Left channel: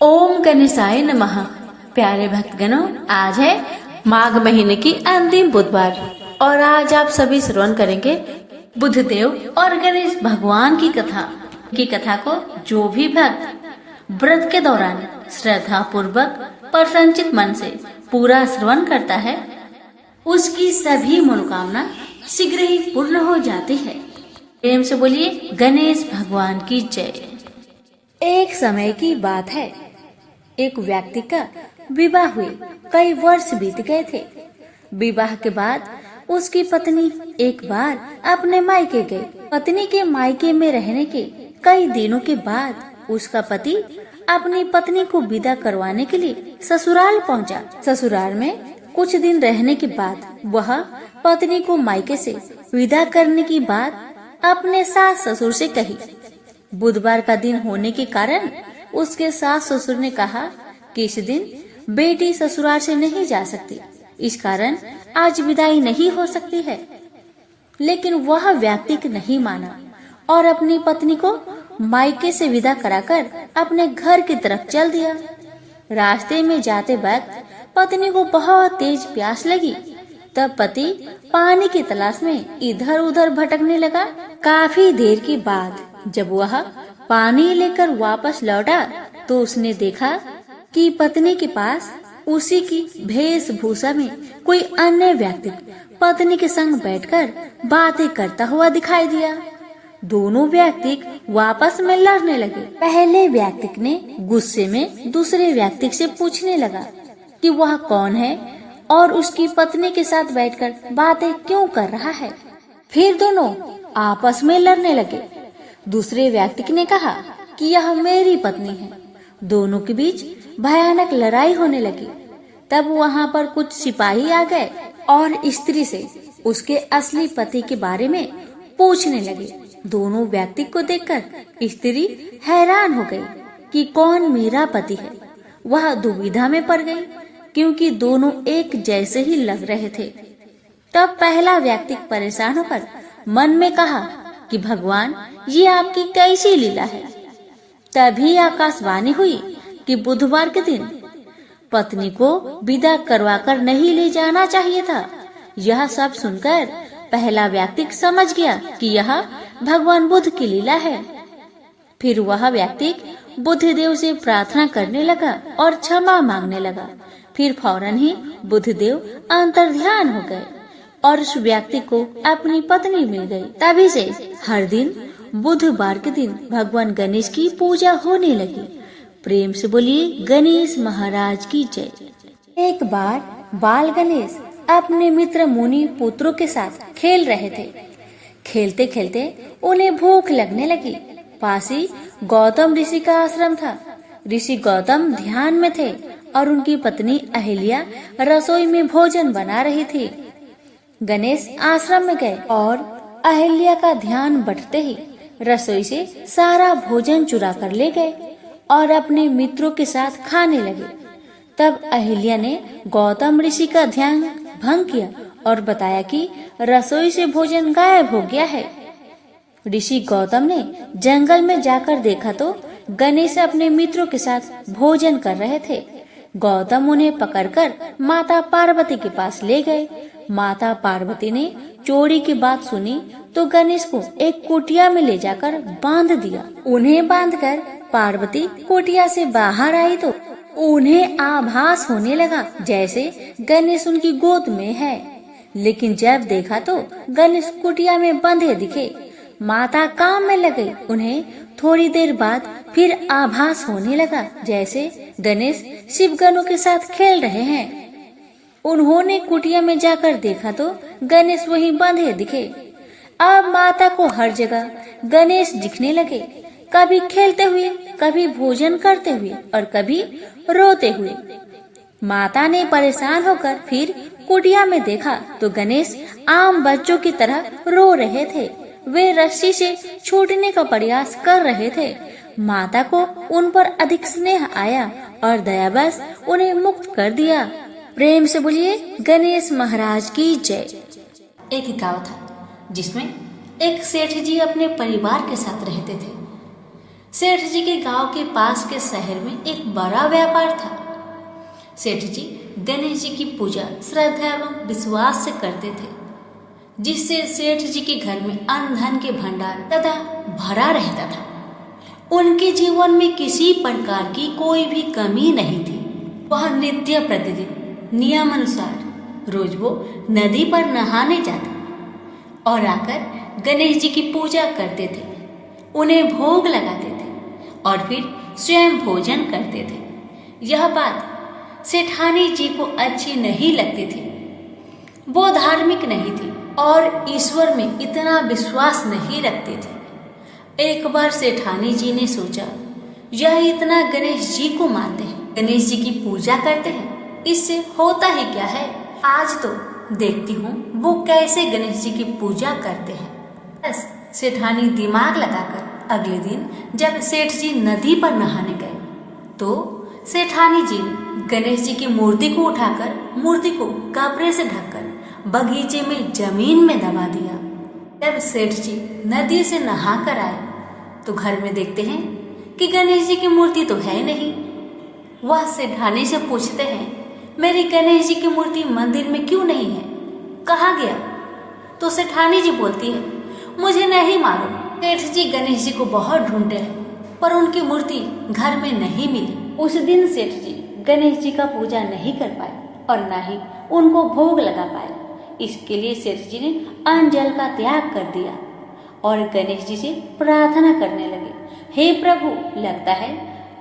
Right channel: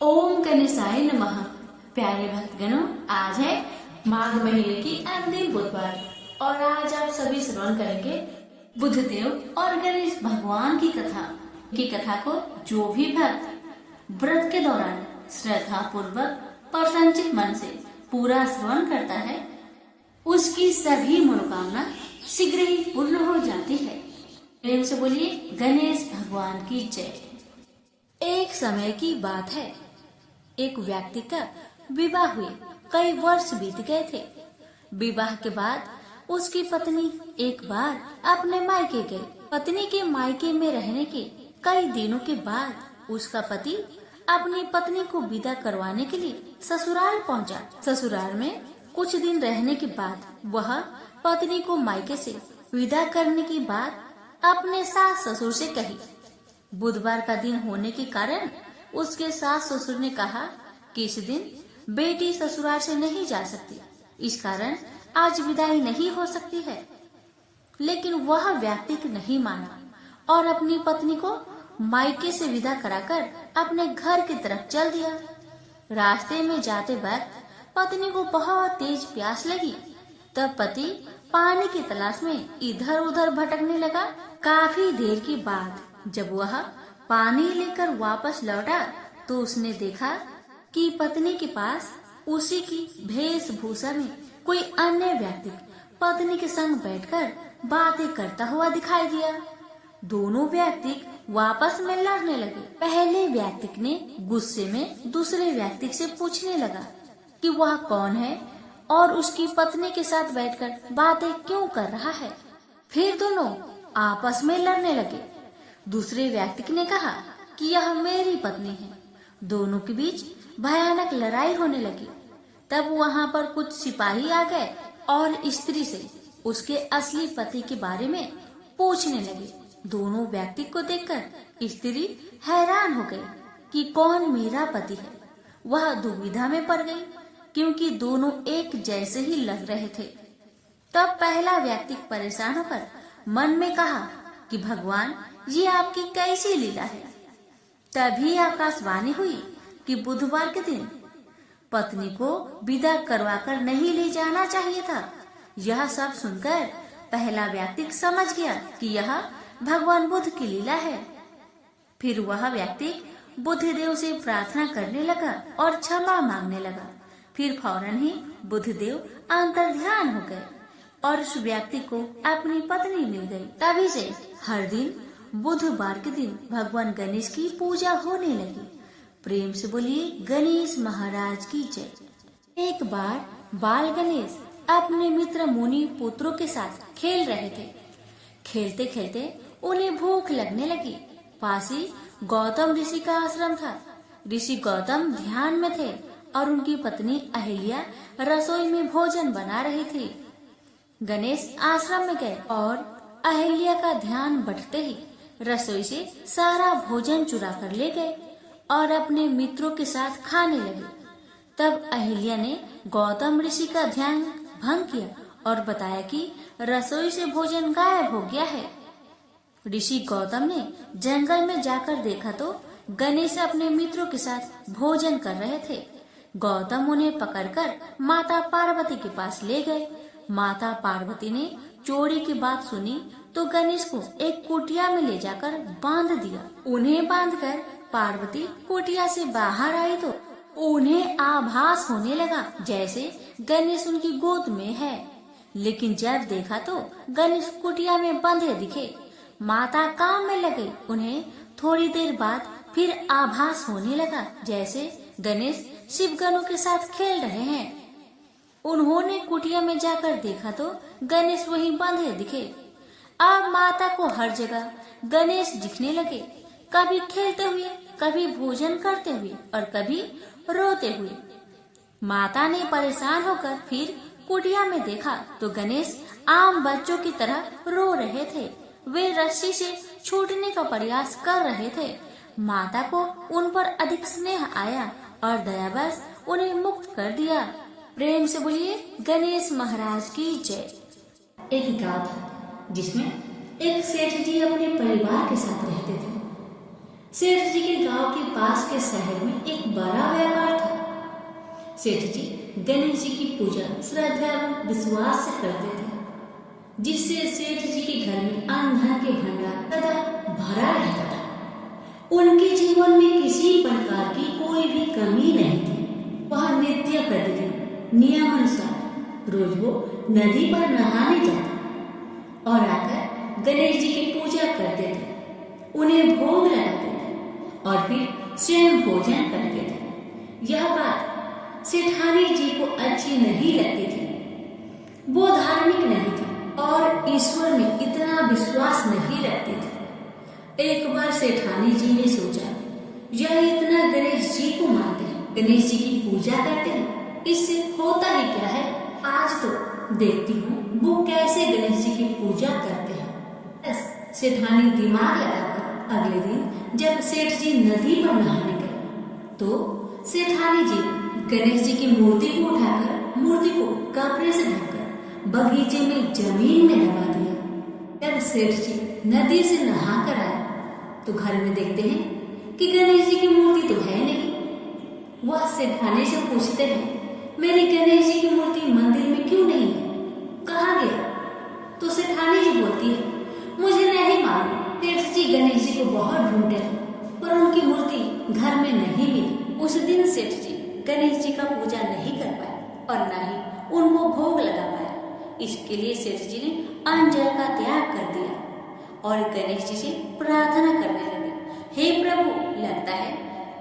ओम गणेशाय नमः। प्यारे भक्तगणों, आज है माघ महीने की अंतिम बुधवार और आज आप सभी श्रवण करेंगे बुधदेव और गणेश भगवान की कथा को जो भी भक्त व्रत के दौरान श्रद्धा पूर्वक प्रसन्नचित मन से पूरा श्रवण करता है, उसकी सभी मनोकामना शीघ्र ही पूर्ण हो जाती है। प्रेम से बोलिए गणेश भगवान की जय। एक समय की बात है, एक व्यक्ति का विवाह हुए कई वर्ष बीत गए थे। विवाह के बाद उसकी पत्नी एक बार अपने मायके गई। पत्नी के मायके में रहने के कई दिनों के बाद उसका पति अपनी पत्नी को विदा करवाने के लिए ससुराल पहुंचा। ससुराल में कुछ दिन रहने के बाद वह पत्नी को मायके से विदा करने की बात अपने सास ससुर से कही। बुधवार का दिन होने के कारण उसके सास ससुर ने कहा कि इस दिन बेटी ससुराल से नहीं जा सकती, इस कारण आज विदाई नहीं हो सकती है। लेकिन वह व्यक्ति नहीं माना और अपनी पत्नी को मायके से विदा कराकर अपने घर की तरफ चल दिया। रास्ते में जाते वक्त पत्नी को बहुत तेज प्यास लगी। तब पति पानी की तलाश में इधर उधर भटकने लगा। काफी देर के बाद जब वह पानी लेकर वापस लौटा तो उसने देखा कि पत्नी के पास उसी की वेशभूषा में कोई अन्य व्यक्ति पत्नी के संग बैठकर बातें करता हुआ दिखाई दिया। दोनों व्यक्ति वापस में लड़ने लगे। पहले व्यक्ति ने गुस्से में दूसरे व्यक्ति से पूछने लगा कि वह कौन है और उसकी पत्नी के साथ बैठकर बातें क्यों कर रहा है। फिर दोनों आपस में लड़ने लगे। दूसरे व्यक्ति ने कहा कि यह मेरी पत्नी है। दोनों के बीच भयानक लड़ाई होने लगी। तब वहाँ पर कुछ सिपाही आ गए और स्त्री से उसके असली पति के बारे में पूछने लगे। दोनों व्यक्ति को देखकर स्त्री हैरान हो गई कि कौन मेरा पति है। वह दुविधा में पड़ गई क्योंकि दोनों एक जैसे ही लग रहे थे। तब पहला व्यक्ति परेशान होकर मन में कहा कि भगवान, ये आपकी कैसी लीला है। तभी आकाशवाणी हुई कि बुधवार के दिन पत्नी को विदा करवाकर नहीं ले जाना चाहिए था। यह सब सुनकर पहला व्यक्ति समझ गया कि यह भगवान बुद्ध की लीला है। फिर वह व्यक्ति बुद्धदेव से प्रार्थना करने लगा और क्षमा मांगने लगा। फिर फौरन ही बुद्धदेव अंतर्ध्यान हो गए और उस व्यक्ति को अपनी पत्नी मिल गई। तभी से हर दिन बुधवार के दिन भगवान गणेश की पूजा होने लगी। प्रेम से बोलिए गणेश महाराज की जय। एक बार बाल गणेश अपने मित्र मुनि पुत्रों के साथ खेल रहे थे। खेलते खेलते उन्हें भूख लगने लगी। पास ही गौतम ऋषि का आश्रम था। ऋषि गौतम ध्यान में थे और उनकी पत्नी अहिल्या रसोई में भोजन बना रही थी। गणेश आश्रम में गए और अहिल्या का ध्यान बंटते ही रसोई से सारा भोजन चुरा कर ले गए और अपने मित्रों के साथ खाने लगे। तब अहिल्या ने गौतम ऋषि का ध्यान भंग किया और बताया कि रसोई से भोजन गायब हो गया है। ऋषि गौतम ने जंगल में जाकर देखा तो गणेश अपने मित्रों के साथ भोजन कर रहे थे। गौतम उन्हें पकड़कर माता पार्वती के पास ले गए। माता पार्वती ने चोरी की बात सुनी तो गणेश को एक कुटिया में ले जाकर बांध दिया। उन्हें बांधकर पार्वती कुटिया से बाहर आई तो उन्हें आभास होने लगा जैसे गणेश उनकी गोद में है। लेकिन जब देखा तो गणेश कुटिया में बंधे दिखे। माता काम में लगे। उन्हें थोड़ी देर बाद फिर आभास होने लगा जैसे गणेश शिवगणों के साथ खेल रहे हैं। उन्होंने कुटिया में जाकर देखा तो गणेश वहीं बंधे दिखे। अब माता को हर जगह गणेश दिखने लगे, कभी खेलते हुए, कभी भोजन करते हुए और कभी रोते हुए। माता ने परेशान होकर फिर कुटिया में देखा तो गणेश आम बच्चों की तरह रो रहे थे। वे रस्सी से छूटने का प्रयास कर रहे थे। माता को उन पर अधिक स्नेह आया और दयावश उन्हें मुक्त कर दिया। प्रेम से बोलिए गणेश महाराज की जय। एक गांव था जिसमें एक सेठ जी अपने परिवार के साथ रहते थे। सेठ जी के गांव के पास के शहर में एक बड़ा व्यापार था। सेठ जी गणेश जी की पूजा श्रद्धा एवं विश्वास से करते थे, जिससे सेठ जी के घर में अन्न धन के भंडार सदा भरा रहता था। उनके जीवन में किसी प्रकार की कोई भी कमी नहीं थी। वह नित्य प्रतिदिन नियमानुसार रोज वो नदी पर नहाने जाते और आकर गणेश जी की पूजा करते थे, उन्हें भोग लगाते थे और फिर स्वयं भोजन करते थे। यह बात सेठानी जी को अच्छी नहीं लगती थी। वो धार्मिक नहीं थी और ईश्वर में इतना विश्वास नहीं रखती थी। एक बार सेठानी जी ने सोचा, यह इतना गणेश जी को मानते हैं, गणेश जी की पूजा करते हैं, इससे होता ही क्या है। आज तो देखती हूँ वो कैसे गणेश जी की पूजा करते हैं। बस सेठानी दिमाग लगाकर अगले दिन जब सेठ जी नदी पर नहाने गए तो सेठानी जी ने गणेश जी की मूर्ति को उठाकर मूर्ति को कपड़े से ढककर बगीचे में जमीन में दबा दिया। जब सेठ जी नदी से नहा कर आए तो घर में देखते हैं कि गणेश जी की मूर्ति तो है नहीं। वह सेठानी से पूछते हैं, मेरी गणेश जी की मूर्ति मंदिर में क्यों नहीं है, कहाँ गया? तो सेठानी जी बोलती है, मुझे नहीं मालूम। सेठ जी गणेश जी को बहुत ढूंढते हैं पर उनकी मूर्ति घर में नहीं मिली। उस दिन सेठ जी गणेश जी का पूजा नहीं कर पाए और न ही उनको भोग लगा पाए। इसके लिए सेठ जी ने अन्न जल का त्याग कर दिया और गणेश जी से प्रार्थना करने लगे, हे प्रभु, लगता है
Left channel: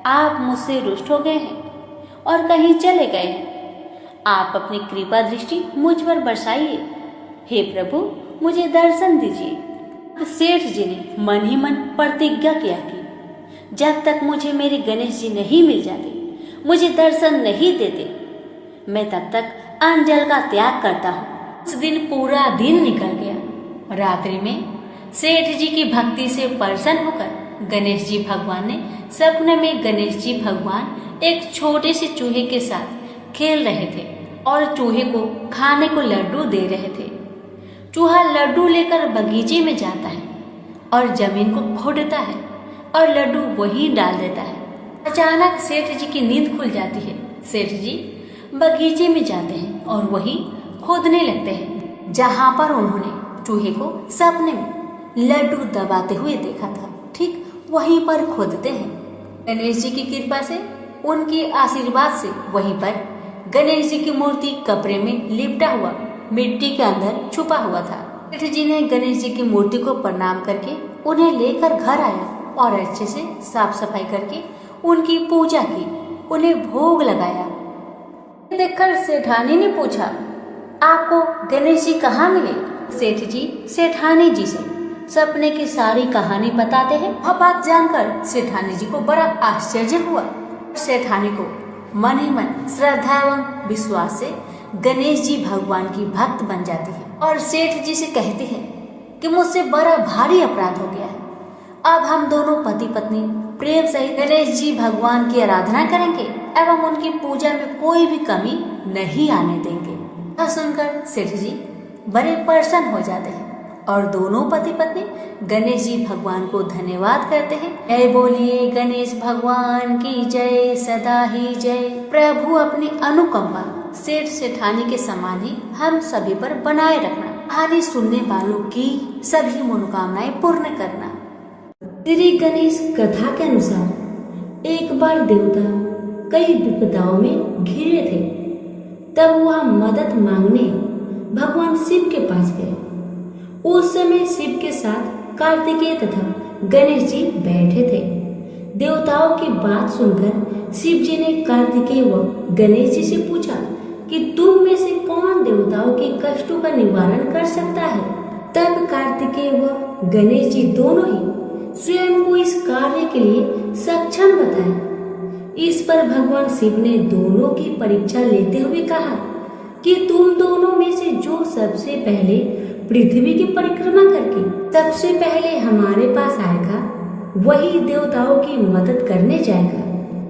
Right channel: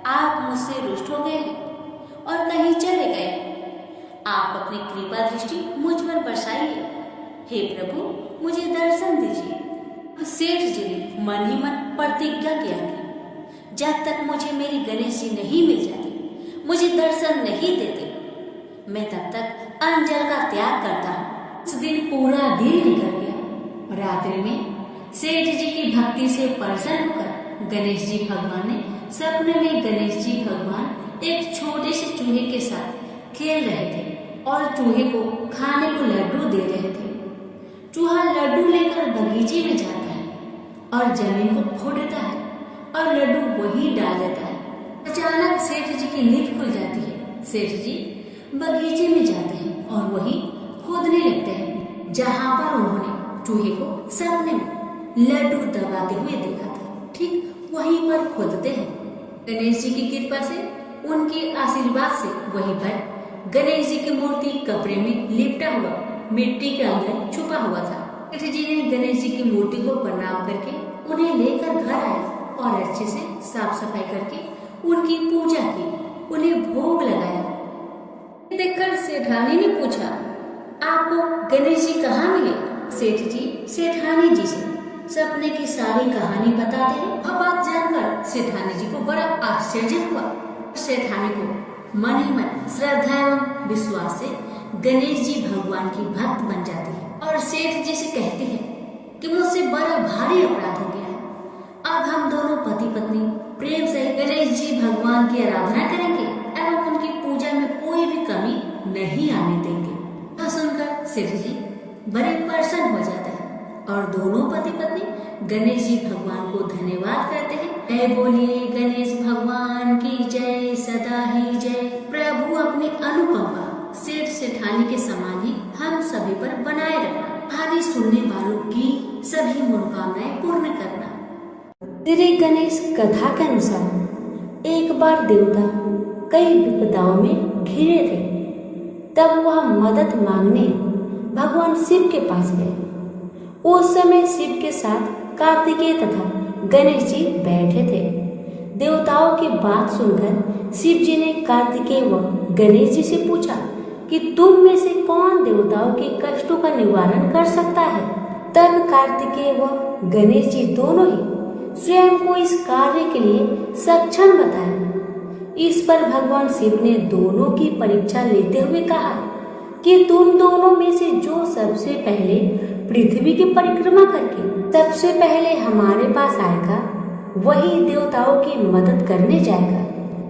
आप मुझसे रुष्ट हो गए हैं और कहीं चले गए हैं। आप अपनी कृपा दृष्टि मुझ पर बरसाइए। हे प्रभु, मुझे दर्शन दीजिए। सेठ जी ने मन ही मन प्रतिज्ञा किया कि जब तक मुझे मेरे गणेश जी नहीं मिल जाते, मुझे दर्शन नहीं देते, मैं तब तक अन्न जल का त्याग करता हूँ। उस दिन पूरा दिन निकल गया। रात्रि में सेठ जी की भक्ति से प्रसन्न होकर गणेश जी भगवान ने सपने में गणेश जी भगवान एक छोटे से चूहे के साथ खेल रहे थे और चूहे को खाने को लड्डू दे रहे थे। चूहा लड्डू लेकर बगीचे में जाता है और जमीन को खोदता है और लड्डू वहीं डाल देता है। अचानक सेठ जी की नींद खुल जाती है। सेठ जी बगीचे में जाते हैं और वहीं खोदने लगते हैं जहां पर उन्होंने चूहे को सपने में लड्डू दबाते हुए देखा था। ठीक वहीं पर खोदते हैं। गणेश जी की कृपा से, उनके आशीर्वाद से वहीं पर गणेश जी की मूर्ति कपड़े में लिपटा हुआ मिट्टी के अंदर छुपा हुआ था। सेठ जी ने गणेश जी की मूर्ति को प्रणाम करके उन्हें लेकर घर आया और अच्छे से साफ सफाई करके उनकी पूजा की, उन्हें भोग लगाया। देखकर सेठानी ने पूछा, आपको गणेश जी कहाँ मिले? सेठ जी सेठानी जी से सपने की सारी कहानी बताते हैं। वह बात जानकर सेठानी जी को बड़ा आश्चर्य हुआ। सेठानी को मन ही मन श्रद्धा एवं विश्वास से गणेश जी भगवान की भक्त बन जाती है और सेठ जी से कहती है कि मुझसे बड़ा भारी अपराध हो गया है। अब हम दोनों पति पत्नी प्रेम सहित गणेश जी भगवान की आराधना करेंगे एवं उनकी पूजा में कोई भी कमी नहीं आने देंगे। यह सुनकर सेठ जी बड़े प्रसन्न हो जाते हैं और दोनों पति पत्नी गणेश जी भगवान को धन्यवाद करते हैं। जय बोलिए गणेश भगवान की जय, सदा ही जय। प्रभु अपनी अनुकंपा सेठ सेठानी के समान ही हम सभी पर बनाए रखना। कहानी सुनने वालों की सभी मनोकामनाएं पूर्ण करना। श्री गणेश कथा के अनुसार एक बार देवता कई विपदाओं में घिरे थे। तब वह मदद मांगने भगवान शिव के पास गए। उस समय शिव के साथ कार्तिकेय तथा गणेश जी बैठे थे। देवताओं की बात सुनकर शिव जी ने कार्तिकेय व गणेश जी से पूछा कि तुम में से कौन देवताओं के कष्टों का निवारण कर सकता है। तब कार्तिकेय व गणेश जी दोनों ही स्वयं को इस कार्य के लिए सक्षम बताए। इस पर भगवान शिव ने दोनों की परीक्षा लेते हुए कहा कि तुम दोनों में से जो सबसे पहले पृथ्वी की परिक्रमा करके सबसे पहले हमारे पास आएगा, वही देवताओं की मदद करने जाएगा।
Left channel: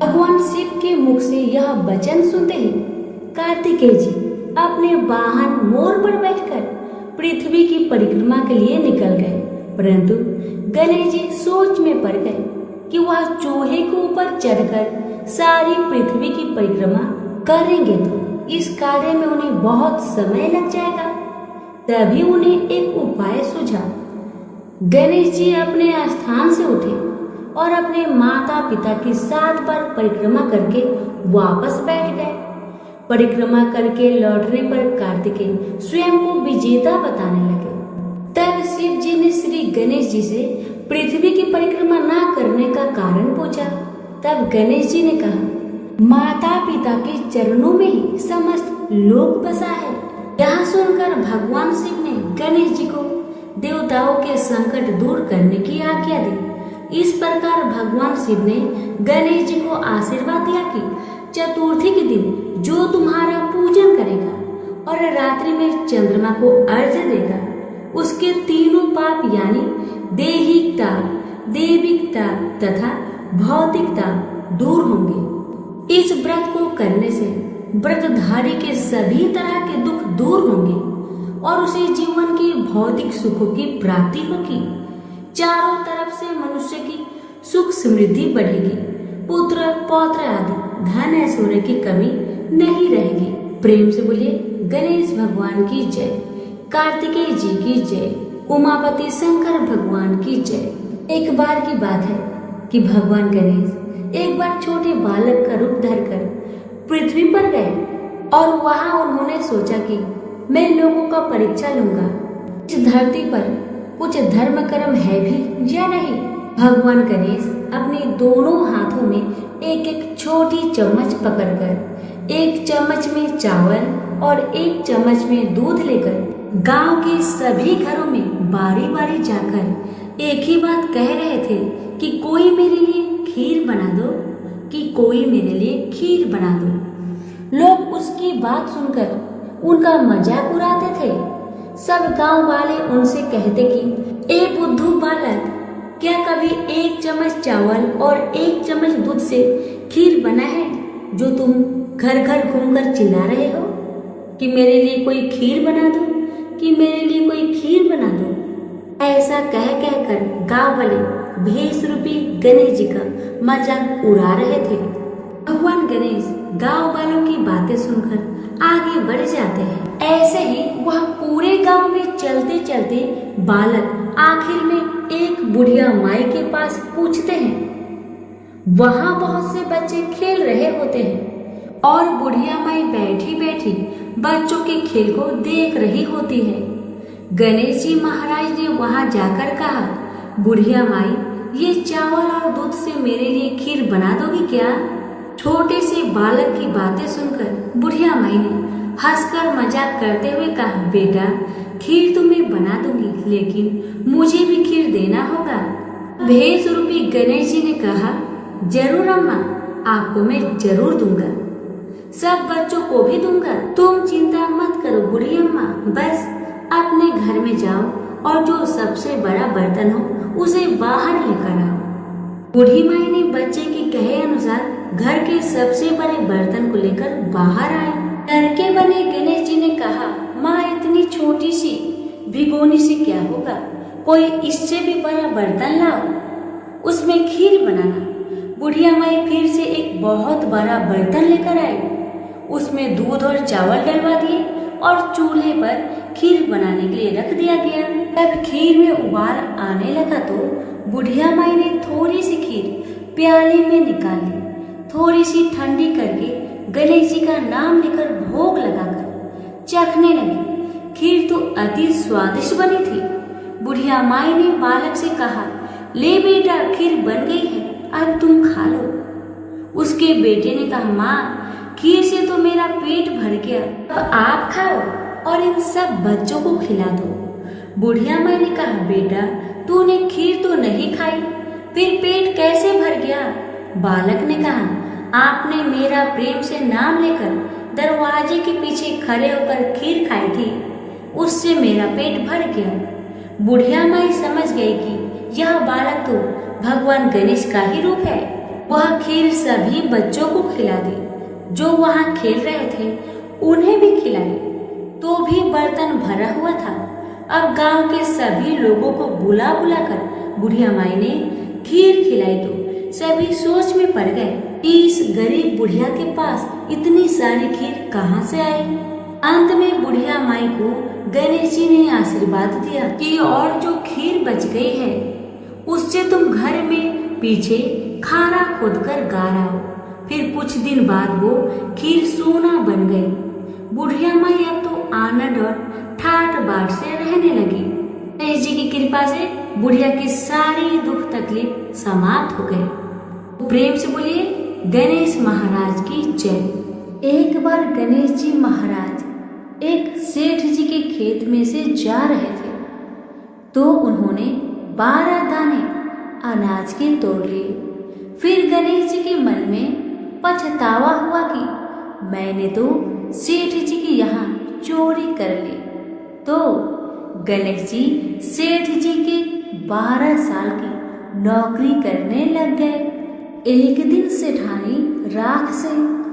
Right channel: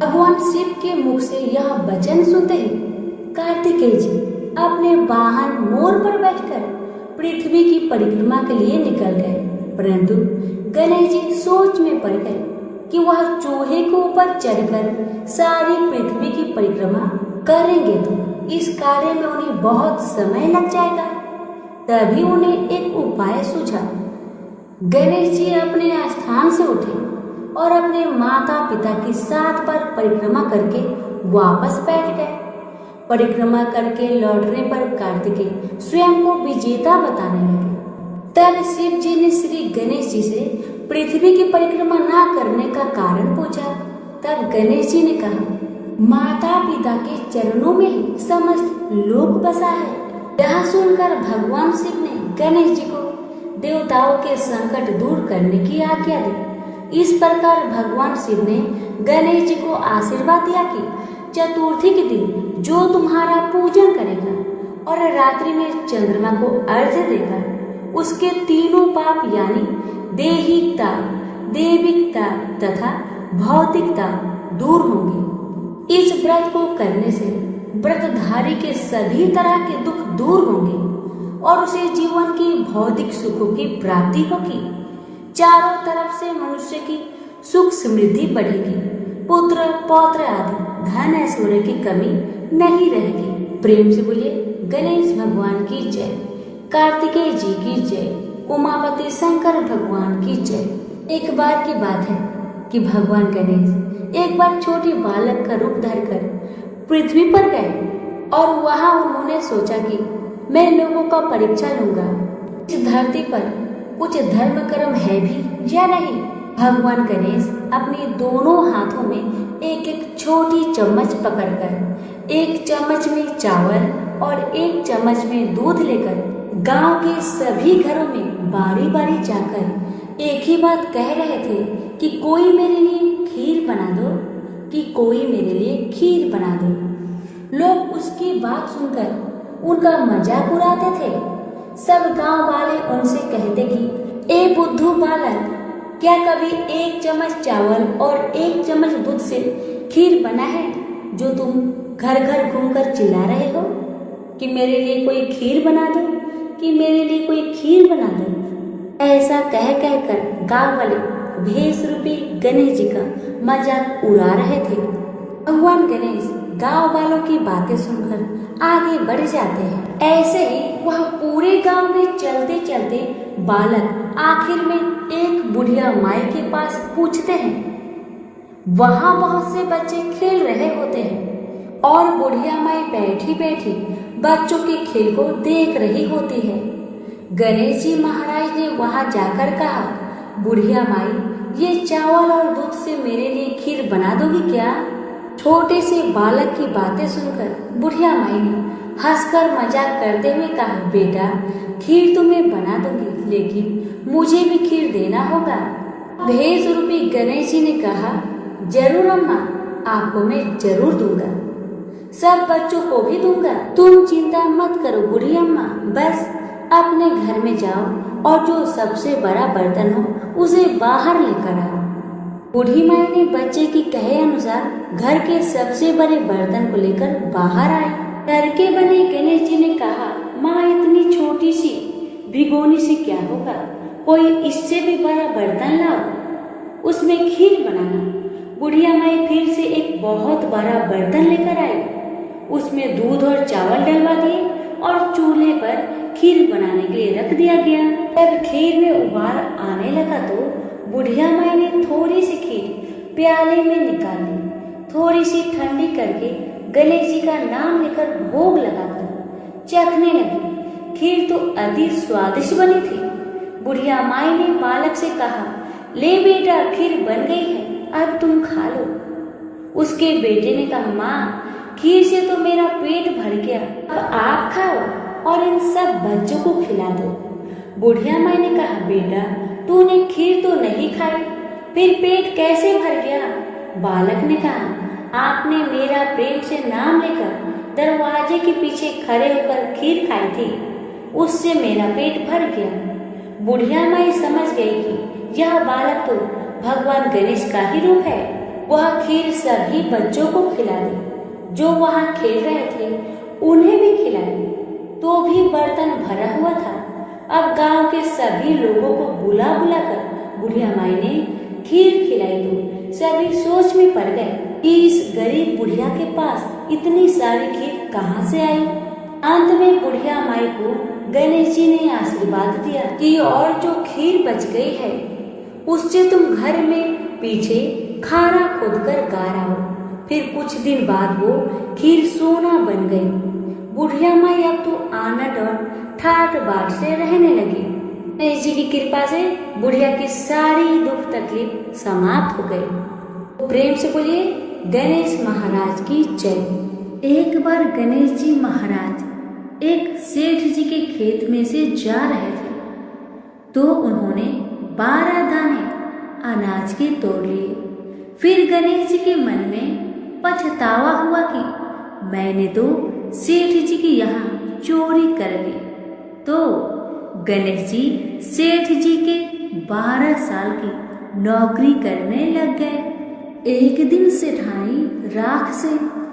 भगवान शिव के मुख से यह वचन सुनते हैं कार्तिकेय जी अपने वाहन मोर पर बैठकर पृथ्वी की परिक्रमा के लिए निकल गए, परंतु गणेश जी सोच में पड़ गए। कि वह चूहे के ऊपर चढ़कर सारी पृथ्वी की परिक्रमा करेंगे तो इस कार्य में उन्हें बहुत समय लग जाएगा। तभी उन्हें एक उपाय सूझा। गणेश जी अपने स्थान से उठे और अपने माता पिता की 7 बार परिक्रमा करके वापस बैठ गए। परिक्रमा करके लौटने पर कार्तिकेय स्वयं को विजेता बताने लगे। तब शिव जी ने श्री गणेश जी से पृथ्वी की परिक्रमा ना करने का कारण पूछा। तब गणेश जी ने कहा, माता पिता के चरणों में ही समस्त लोक बसा है। यह सुनकर भगवान शिव ने गणेश जी को देवताओं के संकट दूर करने की आज्ञा दी। इस प्रकार भगवान शिव ने गणेश जी को आशीर्वाद दिया कि चतुर्थी के दिन जो तुम्हारा पूजन करेगा और रात्रि में चंद्रमा को अर्घ्य देगा, उसके तीनों पाप यानी देहिकता, देविकता तथा भौतिकता दूर होंगे। इस व्रत को करने से व्रतधारी के सभी तरह के दुख दूर होंगे और उसे जीवन की भौतिक सुखों की प्राप्ति होगी। चारों तरफ से मनुष्य की सुख समृद्धि बढ़ेगी। पुत्र पौत्र आदि धन ऐश्वर्य की कमी नहीं रहेगी। प्रेम से बोलिए गणेश भगवान की जय, कार्तिकेय जी की जय, उमापति शंकर भगवान की जय। एक बार की बात है कि भगवान गणेश एक बार छोटे बालक का रूप धरकर पृथ्वी पर गए और वहां उन्होंने सोचा कि मैं लोगों का परीक्षा लूंगा, इस धरती पर कुछ धर्म कर्म है भी या नहीं। भगवान गणेश अपने दोनों हाथों में एक एक छोटी चम्मच पकड़कर एक चम्मच में चावल और एक चम्मच में दूध लेकर गांव के सभी घरों में बारी बारी जाकर एक ही बात कह रहे थे कि कोई मेरे लिए खीर बना दो, कि कोई मेरे लिए खीर बना दो। लोग उसकी बात सुनकर उनका मजाक उड़ाते थे। सब गांव वाले उनसे कहते कि ए बुद्धू बालक, क्या कभी एक चम्मच चावल और एक चम्मच दूध से खीर बना है जो तुम घर घर घूमकर चिल्ला रहे हो कि मेरे लिए कोई खीर बना दो, कि मेरे लिए कोई खीर बना दो। ऐसा कह कहकर गांव वाले भेष रूपी गणेश जी का मजाक उड़ा रहे थे। भगवान गणेश गांव वालों की बातें सुनकर आगे बढ़ जाते हैं। ऐसे ही वह पूरे गांव में चलते चलते बालक आखिर में एक बुढ़िया माई के पास पूछते हैं। वहां बहुत से बच्चे खेल रहे होते हैं और बुढ़िया माई बैठी बैठी बच्चों के खेल को देख रही होती है। गणेश जी महाराज ने वहां जाकर कहा, बुढ़िया माई, ये चावल और दूध से मेरे लिए खीर बना दोगी क्या? छोटे से बालक की बातें सुनकर बुढ़िया माई ने हंसकर मजाक करते हुए कहा, बेटा खीर तो मैं बना दूंगी, लेकिन मुझे भी खीर देना होगा। भेष रूपी गणेश जी ने कहा, जरूर अम्मा, आपको मैं जरूर दूंगा, सब बच्चों को भी दूंगा। तुम चिंता मत करो बूढ़ी अम्मा, बस अपने घर में जाओ और जो सबसे बड़ा बर्तन हो उसे बाहर लेकर आओ। बूढ़ी माई ने बच्चे की कहे अनुसार घर के सबसे बड़े बर्तन को लेकर बाहर आए। घर के बने गणेश जी ने कहा, माँ इतनी छोटी सी भिगोनी से क्या होगा, कोई इससे भी बड़ा बर्तन लाओ, उसमें खीर बनाना। बुढ़िया माई फिर से एक बहुत बड़ा बर्तन लेकर आई, उसमें दूध और चावल डलवा दिए और चूल्हे पर खीर बनाने के लिए रख दिया गया। जब खीर में उबाल आने लगा तो बुढ़िया माई ने थोड़ी सी खीर प्याले में निकाल ली, थोड़ी सी ठंडी करके गणेश जी का नाम लेकर भोग लगाकर चखने लगी। खीर तो अति स्वादिष्ट बनी थी। बुढ़िया माई ने बालक से कहा, ले बेटा खीर बन गई है, अब तुम खा लो। उसके बेटे ने कहा, माँ खीर से तो मेरा पेट भर गया, अब आप खाओ और इन सब बच्चों को खिला दो। बुढ़िया माई ने कहा, बेटा तूने खीर तो नहीं खाई, फिर पेट कैसे भर गया? बालक ने कहा, आपने मेरा प्रेम से नाम लेकर दरवाजे के पीछे खड़े होकर खीर खाई थी, उससे मेरा पेट भर गया। बुढ़िया माई समझ गई कि यह बालक तो भगवान गणेश का ही रूप है। वह खीर सभी बच्चों को खिला दी, जो वहां खेल रहे थे उन्हें भी खिलाई, तो भी बर्तन भरा हुआ था। अब गांव के सभी लोगों को बुला बुलाकर बुढ़िया माई ने खीर खिलाई तो सभी सोच में पड़ गए कि इस गरीब बुढ़िया के पास इतनी सारी खीर कहाँ से आई। अंत में बुढ़िया माई को गणेश जी ने आशीर्वाद दिया कि और जो खीर बच गई है उससे तुम घर में पीछे खारा खोदकर गाड़ो। फिर कुछ दिन बाद वो खीर सोना बन गई। बुढ़िया माई अब तो आनंद और ठाट बाट से रहने लगी। गणेश जी की कृपा से बुढ़िया की सारी दुख तकलीफ समाप्त हो गई। प्रेम से बोलिए गणेश महाराज की जय। एक बार गणेश जी महाराज एक सेठ जी के खेत में से जा रहे थे तो उन्होंने 12 दाने अनाज के तोड़ लिए। फिर गणेश जी के मन में पछतावा हुआ कि मैंने तो सेठ जी के यहाँ चोरी कर ली। तो गणेश जी सेठ जी के 12 साल की नौकरी करने लग गए। एक दिन सेठानी राख से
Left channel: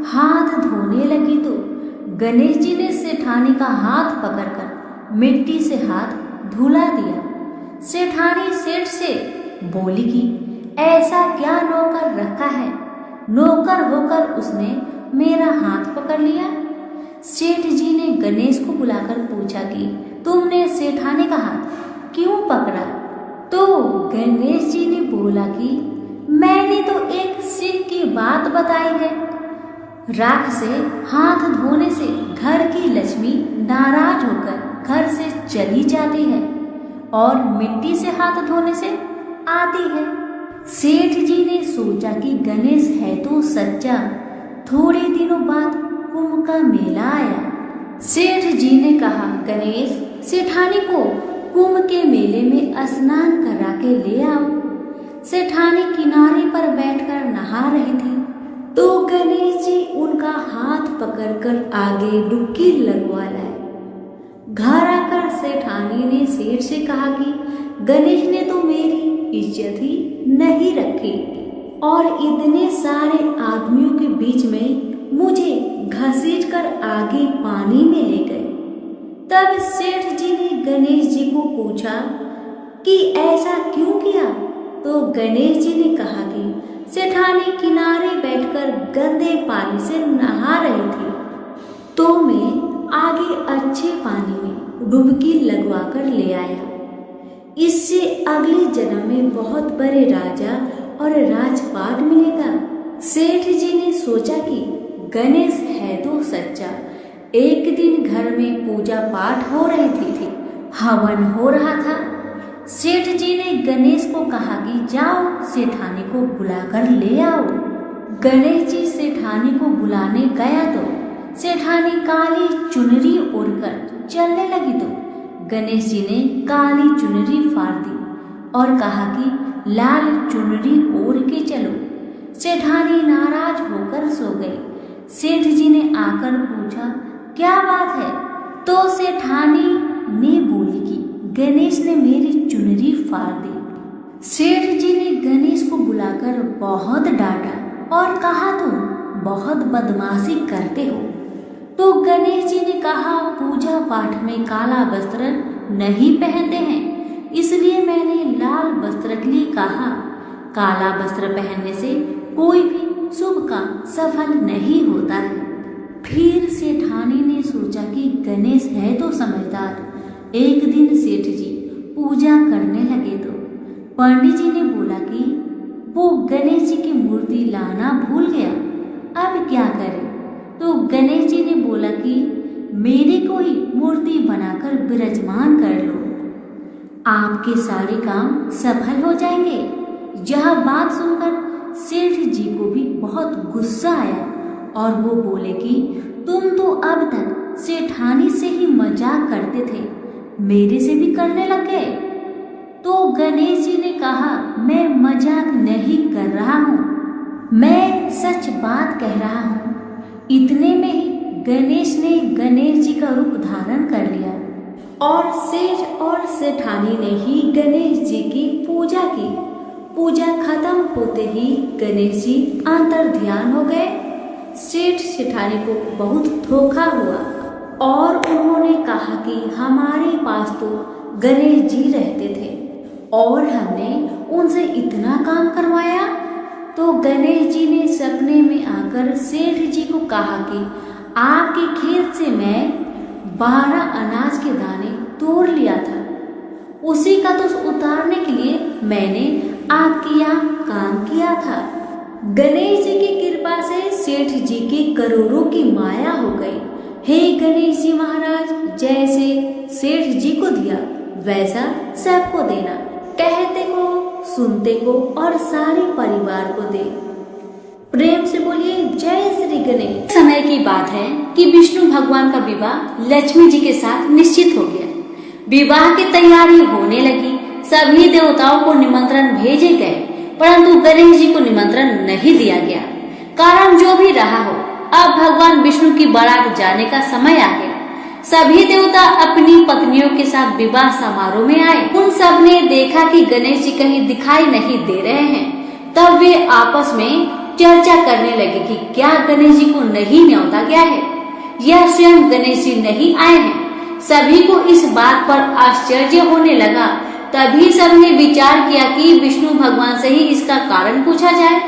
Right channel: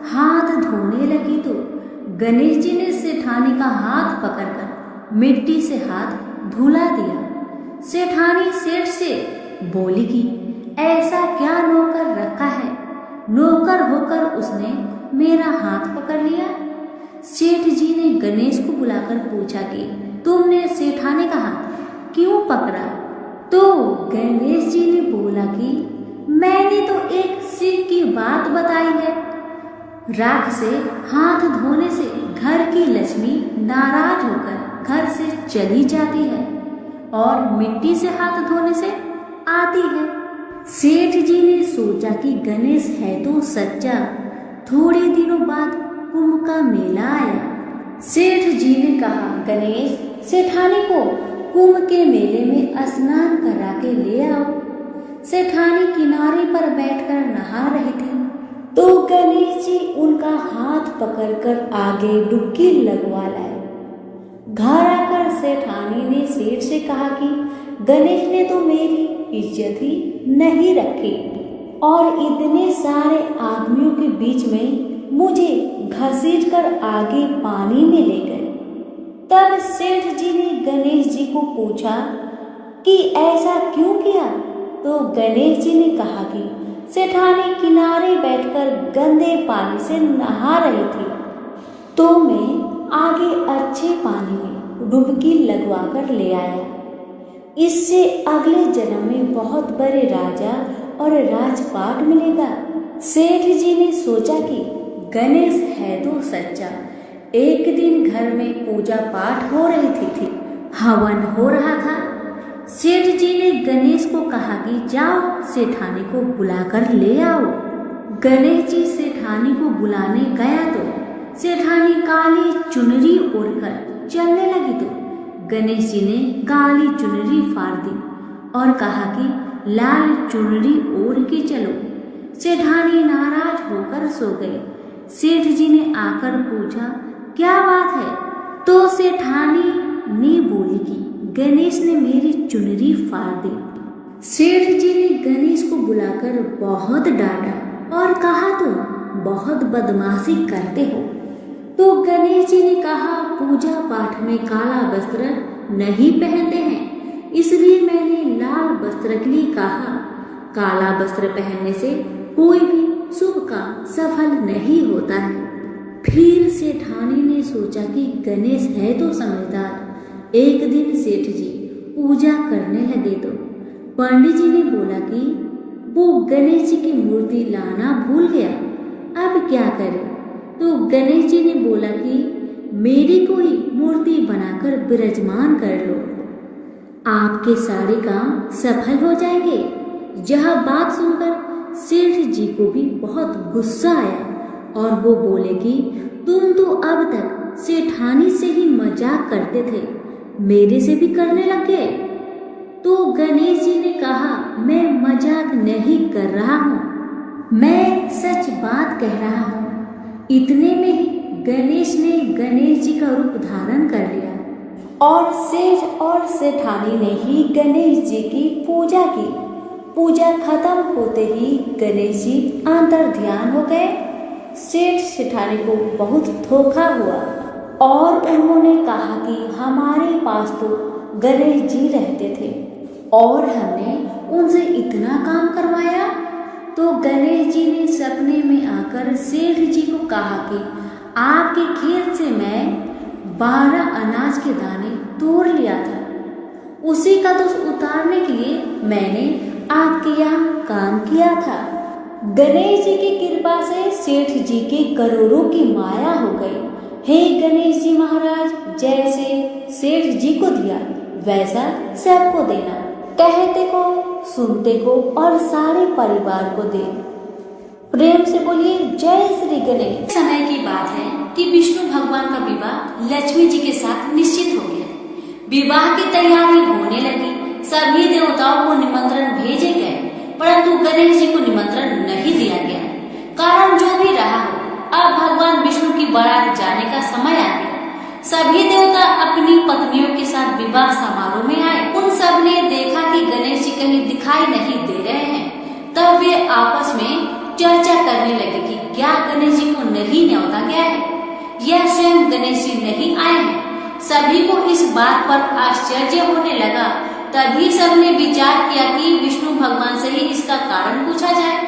हाथ धोने लगी तो गणेश जी ने सेठानी का हाथ पकड़कर मिट्टी से हाथ धुला दिया। सेठानी सेठ से बोली कि ऐसा क्या नौकर रखा है, नौकर होकर उसने मेरा हाथ पकड़ लिया। सेठ जी ने गणेश को बुलाकर पूछा कि तुमने सेठानी का हाथ क्यों पकड़ा। तो गणेश जी ने बोला कि मैंने तो एक सीख की बात बताई है। राख से हाथ धोने से घर की लक्ष्मी नाराज होकर घर से चली जाती है और मिट्टी से हाथ धोने से आती है। सेठ जी ने सोचा कि गणेश है तो सच्चा। थोड़े दिनों बाद कुंभ का मेला आया। सेठ जी ने कहा गणेश सेठानी को कुंभ के मेले में स्नान करा के ले आओ। सेठानी किनारे पर बैठकर नहा रही थी तो गणेश जी उनका हाथ पकड़कर आगे डुबकी लगवा लाए। घर आकर सेठानी ने सेठ से कहा कि गणेश ने तो मेरी इज्जत ही नहीं रखी और इतने सारे आदमियों के बीच में मुझे घसीट कर आगे पानी में ले गए। तब सेठ जी ने गणेश जी को पूछा कि ऐसा क्यों किया। तो गणेश जी ने कहा कि सेठानी किनारे बैठकर गंदे पानी से नहा रही थी तो मैं आगे अच्छे पानी में डुबकी लगवा कर ले आया। इससे अगले जन्म में बहुत बड़े राजा और राजपाट मिलेगा। सेठ जी ने सोचा कि गणेश है तो सच्चा। एक दिन घर में पूजा पाठ हो रही थी, हवन हो रहा था। सेठ जी ने गणेश को कहा कि जाओ सेठानी को बुलाकर ले आओ। गणेश जी सेठानी को बुलाने गया तो सेठानी काली चुनरी ओढ़कर चलने लगी तो गणेश जी ने काली चुनरी फाड़ दी और कहा कि लाल चुनरी ओढ़ के चलो। सेठानी नाराज होकर सो गई। सेठ जी ने आकर पूछा क्या बात है। तो सेठानी ने बोली कि गणेश ने मेरी चुनरी फाड़ दी। सेठ जी ने गणेश को बुलाकर बहुत डांटा और कहा तुम बहुत बदमाशी करते हो। तो गणेश जी ने कहा पूजा पाठ में काला वस्त्र नहीं पहनते हैं, इसलिए मैंने लाल वस्त्र के लिए कहा। काला वस्त्र पहनने से कोई भी शुभ काम सफल नहीं होता है। फिर सेठानी ने सोचा कि गणेश है तो समझदार। एक दिन सेठ जी पूजा करने लगे तो पंडित जी ने बोला कि वो गणेश जी की मूर्ति लाना भूल गया, अब क्या करे। तो गणेश जी ने बोला कि मेरे को ही मूर्ति बनाकर विराजमान कर लो, आपके सारे काम सफल हो जाएंगे। यह बात सुनकर सेठ जी को भी बहुत गुस्सा आया और वो बोले कि तुम तो अब तक सेठानी से ही मजाक करते थे, मेरे से भी करने लग गए। तो गणेश जी ने कहा मैं मजाक नहीं कर रहा हूँ, मैं सच बात कह रहा हूँ। इतने में ही गणेश ने गणेश जी का रूप धारण कर लिया और सेठ और सेठानी ने ही गणेश जी की पूजा की। पूजा खत्म होते ही गणेश जी अंतर ध्यान हो गए। सेठ सेठानी को बहुत धोखा हुआ और उन्होंने कहा कि हमारे पास तो गणेश जी रहते थे और हमने उनसे इतना काम करवाया, तो गणेश जी ने सपने में आकर सेठ जी को कहा कि आपके खेत से मैं 12 अनाज के दाने तोड़ लिया था, उसी का तो उतारने के लिए मैंने आपके यहाँ काम किया था। गणेश जी की कृपा से सेठ जी के करोड़ों की माया हो गई। हे गणेश जी महाराज, जैसे सेठ जी को दिया वैसा सबको देना, कहते को, सुनते को और सारे परिवार को दे। प्रेम से बोलिए जय श्री गणेश। समय की बात है कि विष्णु भगवान का विवाह लक्ष्मी जी के साथ निश्चित हो गया। विवाह की तैयारी होने लगी। सभी देवताओं को निमंत्रण भेजे गए, परंतु गणेश जी को निमंत्रण नहीं दिया गया। कारण जो भी रहा हो, अब भगवान विष्णु की बारात जाने का समय आ गया। सभी देवता अपनी पत्नियों के साथ विवाह समारोह में आए। उन सब ने देखा कि गणेश जी कहीं दिखाई नहीं दे रहे हैं। तब वे आपस में चर्चा करने लगे कि क्या गणेश जी को नहीं न्योता गया है या स्वयं गणेश जी नहीं आए हैं। सभी को इस बात पर आश्चर्य होने लगा। तभी सबने विचार किया कि विष्णु भगवान से ही इसका कारण पूछा जाए।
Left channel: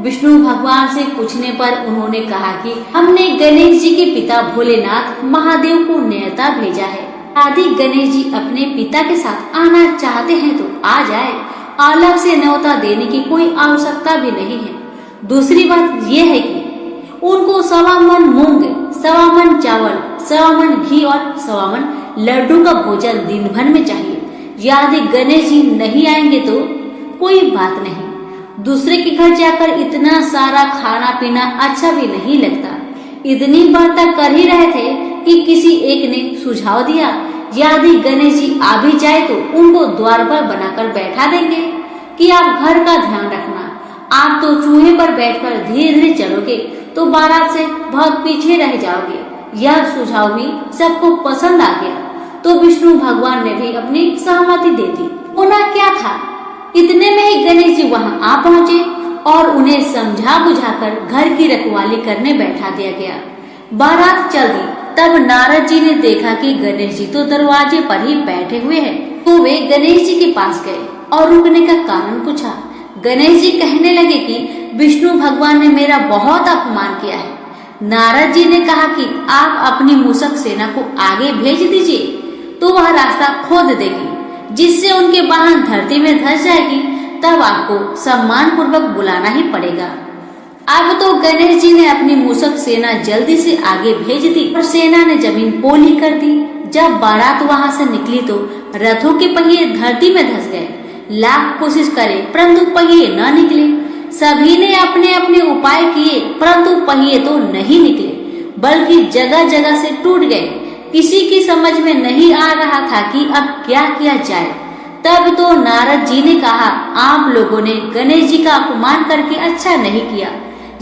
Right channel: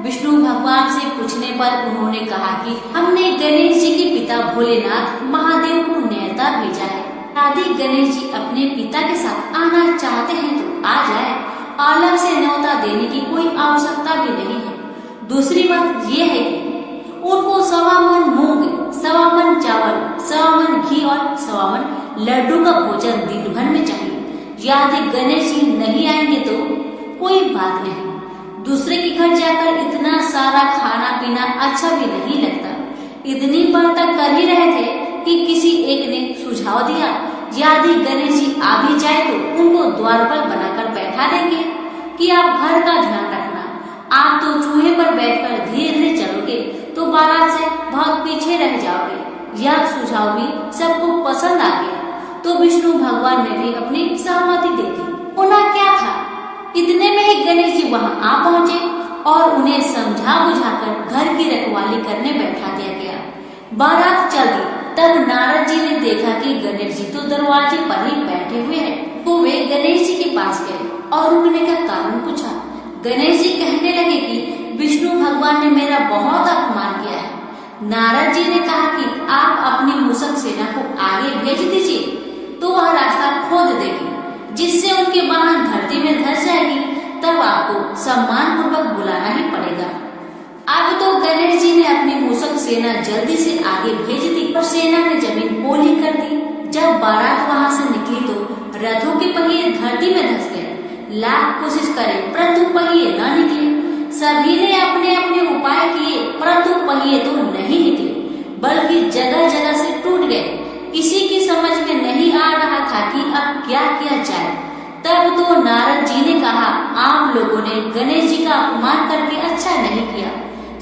विष्णु भगवान से पूछने पर उन्होंने कहा कि हमने गणेश जी के पिता भोलेनाथ महादेव को न्योता भेजा है। यदि गणेश जी अपने पिता के साथ आना चाहते हैं तो आ जाए, अलग से न्योता देने की कोई आवश्यकता भी नहीं है। दूसरी बात यह है कि उनको 1.25 मन मूंग, 1.25 मन चावल, 1.25 मन घी और 1.25 मन लड्डू का भोजन दिन भर में चाहिए। यदि गणेश जी नहीं आएंगे तो कोई बात नहीं, दूसरे के घर जाकर इतना सारा खाना पीना अच्छा भी नहीं लगता। इतनी बार तक कर ही रहे थे कि किसी एक ने सुझाव दिया, यदि गणेश जी आ भी जाए तो उनको द्वार पर बनाकर बैठा देंगे कि आप घर का ध्यान रखना। आप तो चूहे पर बैठकर धीरे धीरे चलोगे तो बारात से बहुत पीछे रह जाओगे। यह सुझाव भी सबको पसंद आ गया, तो विष्णु भगवान ने भी अपनी सहमति दे दी। होना क्या था, इतने में ही गणेश जी वहां आ पहुँचे और उन्हें समझा बुझाकर घर की रखवाली करने बैठा दिया गया। बारात चल दी। तब नारद जी ने देखा कि गणेश जी तो दरवाजे पर ही बैठे हुए हैं, तो वे गणेश जी के पास गए और रुकने का कारण पूछा। गणेश जी कहने लगे कि विष्णु भगवान ने मेरा बहुत अपमान किया है। नारद जी ने कहा कि आप अपनी मूषक सेना को आगे भेज दीजिए, तो वह रास्ता खोद देगी, जिससे उनके वाहन धरती में धंस जाएगी। तब आपको सम्मान पूर्वक बुलाना ही पड़ेगा। अब तो गणेश जी ने अपनी मूषक सेना जल्दी से आगे भेज दी और सेना ने जमीन पोली कर दी। जब बारात वहां से निकली तो रथों के पहिए धरती में धंस गए। लाख कोशिश करे परंतु पहिए न निकले। सभी ने अपने अपने उपाय किए, परंतु पहिए तो नहीं निकले, बल्कि जगह जगह से टूट गए। किसी की समझ में नहीं आ रहा था कि अब क्या किया जाए। तब तो नारद जी ने कहा, आप लोगों ने गणेश जी का अपमान करके अच्छा नहीं किया।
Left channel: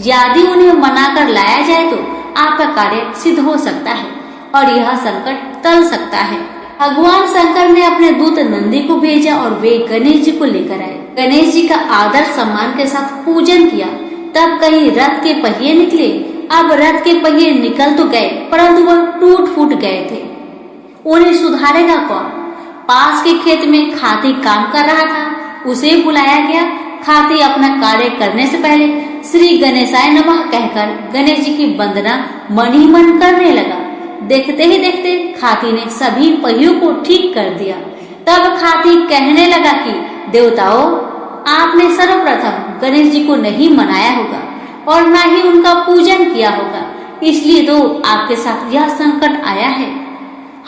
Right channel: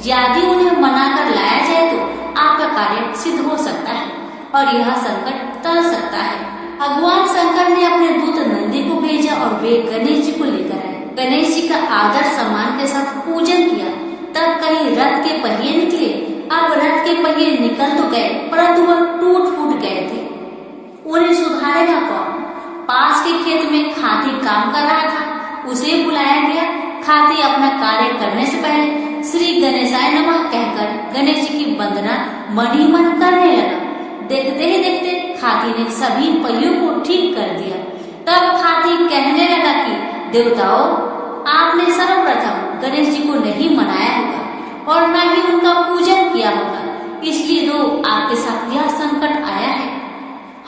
यदि उन्हें मनाकर लाया जाए तो आपका कार्य सिद्ध हो सकता है और यह संकट टल सकता है। भगवान शंकर ने अपने दूत नंदी को भेजा और वे गणेश जी को लेकर आए। गणेश जी का आदर सम्मान के साथ पूजन किया। तब कहीं रथ के पहिए निकले। अब रथ के पहिए निकल तो गए, परंतु वह टूट फूट गए थे। उन्हें सुधारेगा कौन? पास के खेत में खाती काम कर रहा था, उसे बुलाया गया। खाती अपना कार्य करने से पहले श्री गणेशाय नमः कहकर गणेश जी की वंदना मन ही मन करने लगा। देखते ही देखते खाती ने सभी पहियों को ठीक कर दिया। तब खाती कहने लगा कि देवताओं, आपने सर्वप्रथम गणेश जी को नहीं मनाया होगा और न ही उनका पूजन किया होगा, इसलिए तो आपके साथ यह संकट आया है।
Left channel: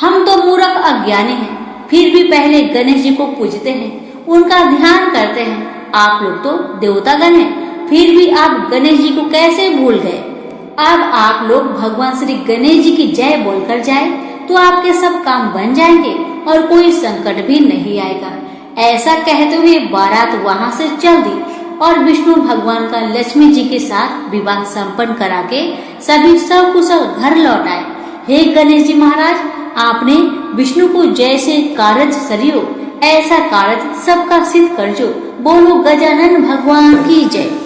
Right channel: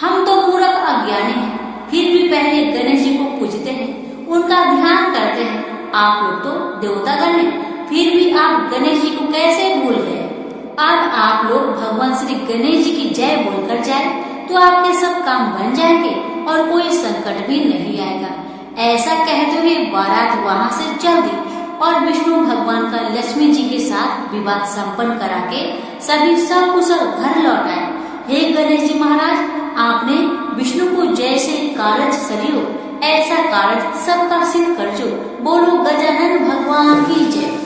हम तो मूर्ख अज्ञानी हैं, फिर भी पहले गणेश जी को पूजते हैं, उनका ध्यान करते हैं। आप लोग तो देवतागण हैं, फिर भी आप गणेश जी को कैसे भूल गए? अब आप लोग भगवान श्री गणेश जी की जय बोलकर जाए तो आपके सब काम बन जाएंगे और कोई संकट भी नहीं आएगा। ऐसा कहते हुए बारात वहां से चल दी और विष्णु भगवान का लक्ष्मी जी के साथ विवाह संपन्न करा के सभी सकुशल घर लौट आए। हे गणेश जी महाराज, आपने विष्णु को जैसे कारज सरियो ऐसा कारज सबका सिद्ध कर जो। बोलो गजानन भगवान की जय।